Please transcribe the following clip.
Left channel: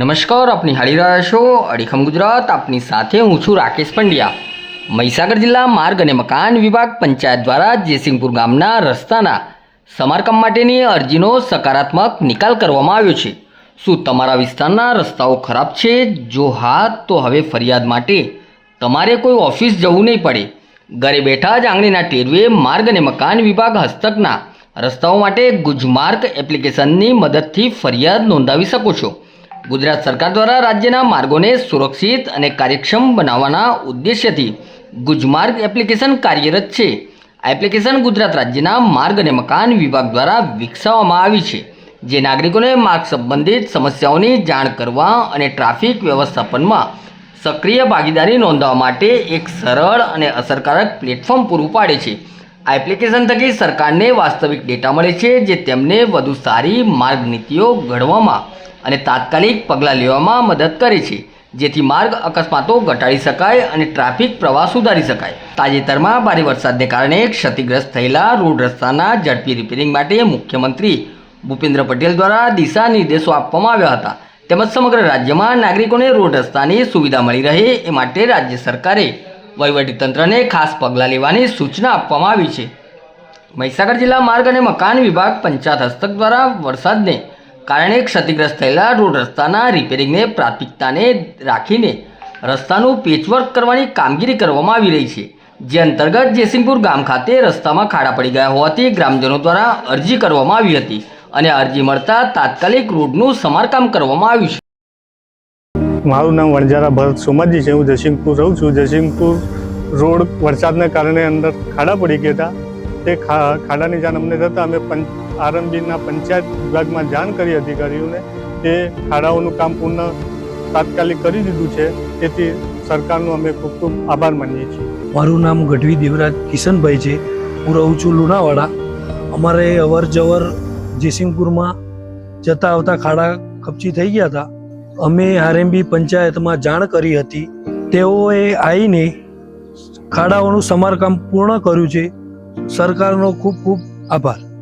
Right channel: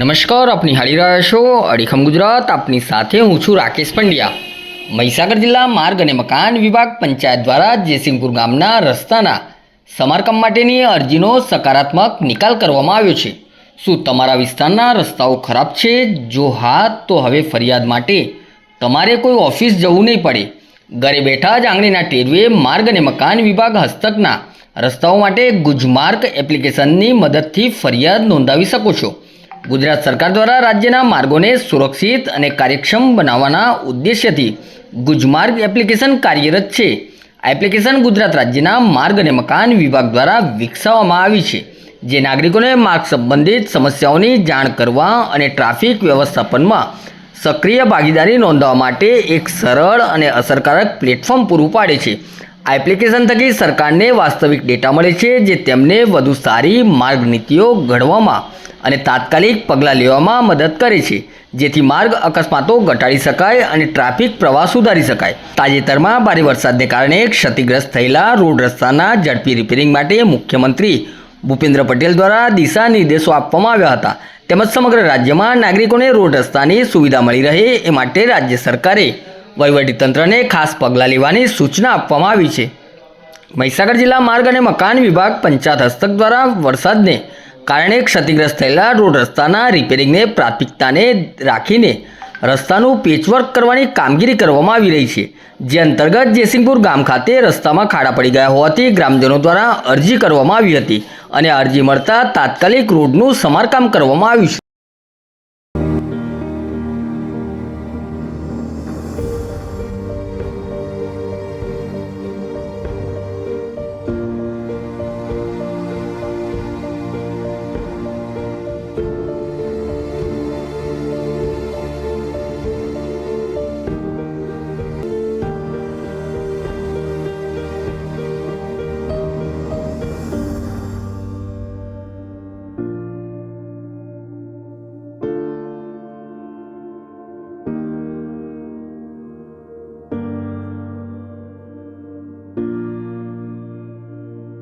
નમસ્કાર, આપની હાળી રહ્યા છો અડીખમ ગુજરાત. આપની સાથે હું છું રાકેશ પંડ્યા. મહીસાગર જિલ્લા માર્ગ અને મકાન વિભાગ પંચાયત દ્વારા જેસિંગપુર ગામના રસ્તાના સમારકામ માટેની અરજીનો સકારાત્મક નિકાલ કરવામાં આવ્યો છે. શું તમારા વિસ્તારના રસ્તાઓ ખરાબ છે? જો હા, તો હવે ફરિયાદ માટે તમારે કોઈ ઓફિસ જવું નહીં પડે. ઘરે બેઠા જ આંગળીના ટેરવે માર્ગ અને મકાન વિભાગ હસ્તકના રસ્તાઓ માટે ગુજમાર્ગ એપ્લિકેશનની મદદથી ફરિયાદ નોંધાવી શકો છો. ગુજરાત સરકાર દ્વારા રાજ્યના માર્ગોને સુરક્ષિત અને કાર્યક્ષમ બનાવવાના ઉદ્દેશ્યથી ગુજમાર્ગ એપ્લિકેશન કાર્યરત છે. આ એપ્લિકેશન ગુજરાત રાજ્યના માર્ગ અને મકાન વિભાગ દ્વારા વિકસાવવામાં આવી છે, જે નાગરિકોને માર્ગ સંબંધિત સમસ્યાઓની જાણ કરવા અને ટ્રાફિક વ્યવસ્થાપનમાં સક્રિય ભાગીદારી નોંધવા માટે એક સરળ અને અસરકારક પ્લેટફોર્મ પૂરું પાડે છે. આ એપ્લિકેશન થકી સરકારને વાસ્તવિક ડેટા મળે છે જે તેમને વધુ સારી માર્ગ નીતિઓ ઘડવામાં અને તાત્કાલિક પગલાં લેવામાં મદદ કરે છે. જેથી માર્ગ અકસ્માતો ઘટાડી શકાય અને ટ્રાફિક પ્રવાહ સુધારી શકાય. તાજેતરમાં ભારે વરસાદને કારણે ક્ષતિગ્રસ્ત થયેલા રોડ રસ્તાના ઝડપી રિપેરિંગ માટે મુખ્યમંત્રી ભૂપેન્દ્ર પટેલ દ્વારા દિશા નિર્દેશો આપવામાં આવ્યા હતા. તેમજ સમગ્ર રાજ્યમાં નાગરિકોને રોડ રસ્તાની સુવિધા મળી રહે એ માટે રાજ્ય સરકારે વહીવટીતંત્રને ખાસ પગલાં લેવાની સૂચના આપવામાં આવી છે. મહીસાગર જિલ્લા માર્ગ અને મકાન વિભાગ પંચાયત હસ્તક દ્વારા વરસાદને કારણે ક્ષતિગ્રસ્ત થયેલા રોડ રસ્તાના રિપેરિંગને પ્રાથમિકતાને રાખીને રસ્તાનું પેચવર્ક કરવાની કામગીરી કરવામાં આવી રહી છે. જે અંતર્ગત જેસિંગપુર ગામ ખાતે રસ્તામાં ખાડા પડી ગયા હોવાથી ગ્રામજનો દ્વારા અરજી કરવામાં આવી હતી અને અરજી મળતા તાત્કાલિક રોડનું સમારકામ કરવામાં આવ્યું છે. મારું નામ વણજારા ભરત સોમાજી છે. હું જયસિંહપુર રહું છું. જયસિંહપુર રોડ વરસાદને કારણે અંદર ખાડા પડી ગયા હતા. તે ખાડાની જાણ અમને થતાં અમે આરંભીના પંચાયત વિભાગમાં જાણ કરી અધિકારીઓને તે ખાડાઓનું કામ પૂર્ણ તાત્કાલિક કરી દીધું છે. તેથી સરકારનો અમે ખૂબ ખૂબ આભાર માનીએ છીએ. મારું નામ ગઢવી દેવરાજ કિશનભાઈ છે. હું રહું છું લુણાવાડા. અમારે અવર જવર જયસિંહપુરમાં જતા આવતા ખાડા કપચી થઈ ગયા હતા. અમે આરએમબી પંચાયતમાં જાણ કરી હતી. તેઓએ આવીને ખાડાઓનું સમારકામ પૂર્ણ કર્યું છે. સરકારનો ખૂબ ખૂબ આભાર.